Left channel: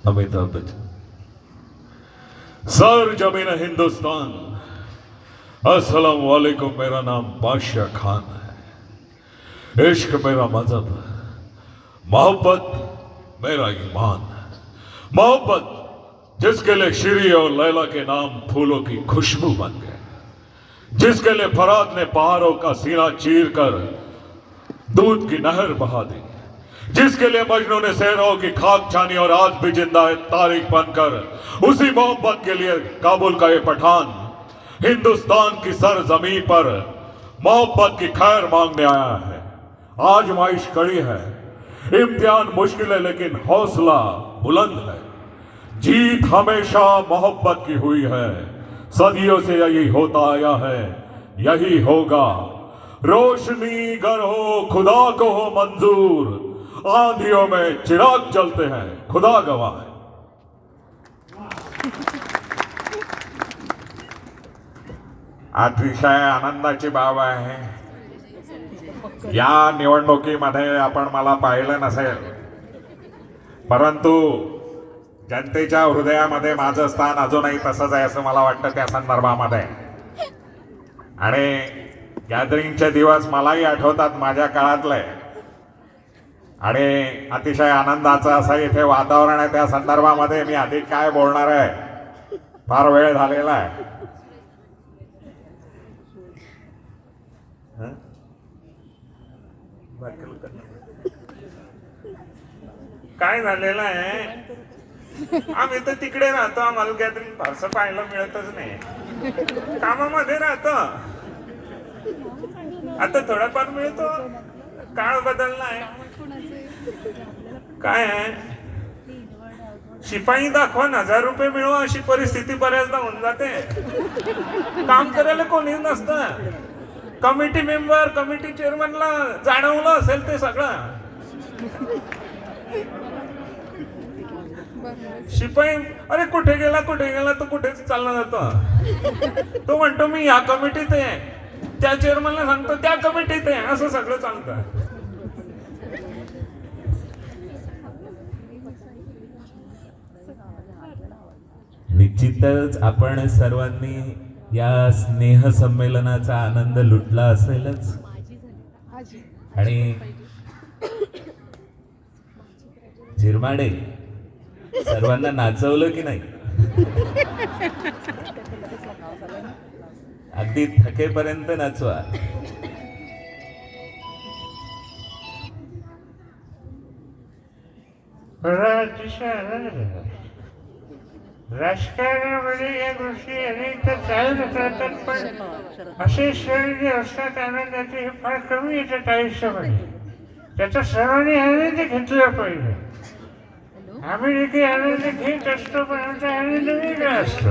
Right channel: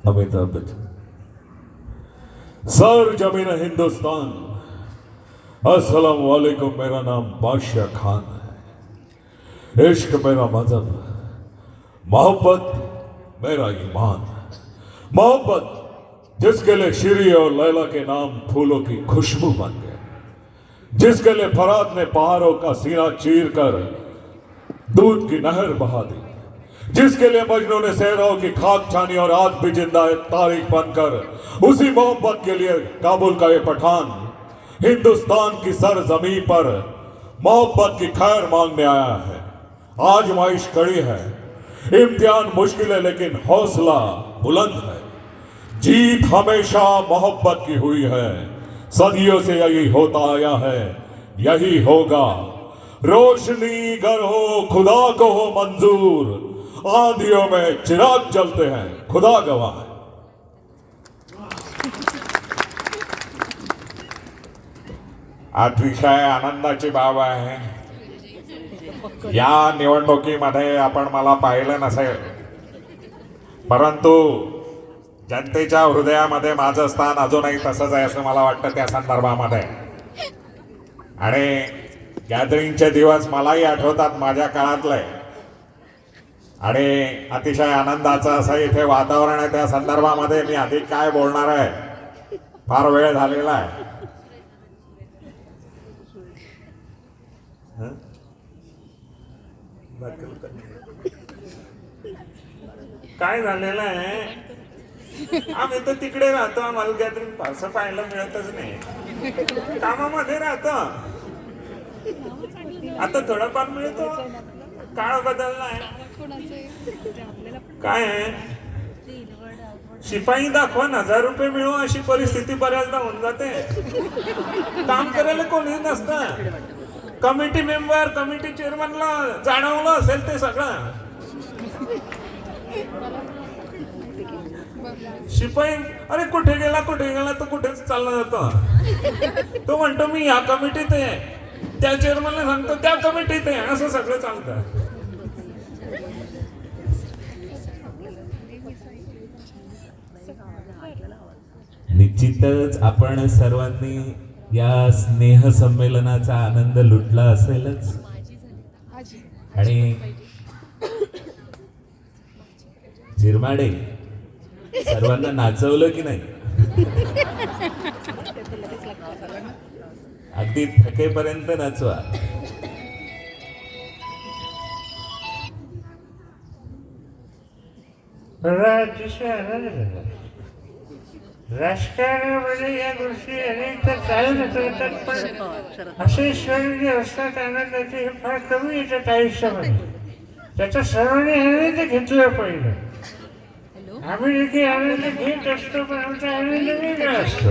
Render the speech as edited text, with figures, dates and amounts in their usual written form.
Amitabh Bachchan. Sir जमीन हिंदुस्तान, अस्सलाम वालेकुम। मेरा नाम बादशाह खान है। इश्क मेरा मजहब, मोहब्बत मेरा ईमान। मोहब्बत जिसके लिए श्री और लैला के नाम फूलों की खुशबू बन गए, जिसके लिए फरात ने पहाड़ों का सीना चीर कर दूध की नहर बहा दी, जिसके लिए मजनू ने शहरों की खाक छानी और आज भी जिंदा है तारीख बनकर, उसी मोहब्बत के लिए काबुल का ये पठान हिंदुस्तान की सरजमी पर मोहब्बत की खैर मांगने आया है। आजमाइश कड़ी है, इम्तिहान मुश्किल है, लेकिन हौसला बुलंद है। जीत हमेशा मोहब्बत की हुई है, सदियों से यही होता आया है, यही होगा। रोशनी गर हो खुदा को हो मंजूर, आंधियों में चिराग जलते हैं, खुदा गवाह है। अतिशय आनंदाची बाब आहे। या निवडणुकीमध्ये आपण मला पाहिलं नसेल, परंतु जनतेच्या हृदयामध्ये माझं स्थान अजूनही तसंच आहे असं मला वाटतं त्या संदर्भामध्ये। आणि गॅदरिंगचे दिवस मलाही आठवतात माझ्या काळातले, आणि अतिशय आनंदाचं असं इथे वातावरण आहे। त्या संदर्भामध्ये मी अधिक काय बोलणार आहे, फार वेळ झालेला आहे। काय झालेलं आहे, आम्ही तर तिकडे राहतो, आम्हाला गॅदरिंग फारसं पाहायला मिळतच नाही, कामामध्ये राहतो। आता थोडाफार मिळतो, काळ बदललाय। काय आहे, शिपाई दाखवून 1000 रुपये मिळू अशी परिस्थिती बऱ्याचदा होऊन जाते। काम करायला कोणी नसतं, कमिटी मेंबर कमिटी चेअरमनला जाणवलं असेल ते सगळं। शिपाई अरे कुठे गेला तो कुठेच चालला जातो। तो म्हणतो मी या कमिटीत आहे, त्या चेअरमनला सांगतो त्या कमिटीत आहे, असं सगळं चालतं। निश्चितच आपण सर्वांनी या स्नेह संमेलनाचा आनंद लुटला असेलच, आणि झिरमाडे सर्वांना नाचवलं की नाही, अगदी थकेपर्यंत नाचवा। राजकारणामध्ये या गोष्टी अनेक चालत राहतात, पण असे क्षण जे असतात आनंदाचे हे फार कमी येतात आयुष्यामध्ये। त्याचा सर्वांनी आनंद घेतला पाहिजे। आम्ही देखील आनंद घेत असतो, पण आमचा आनंद वेगळा असतो।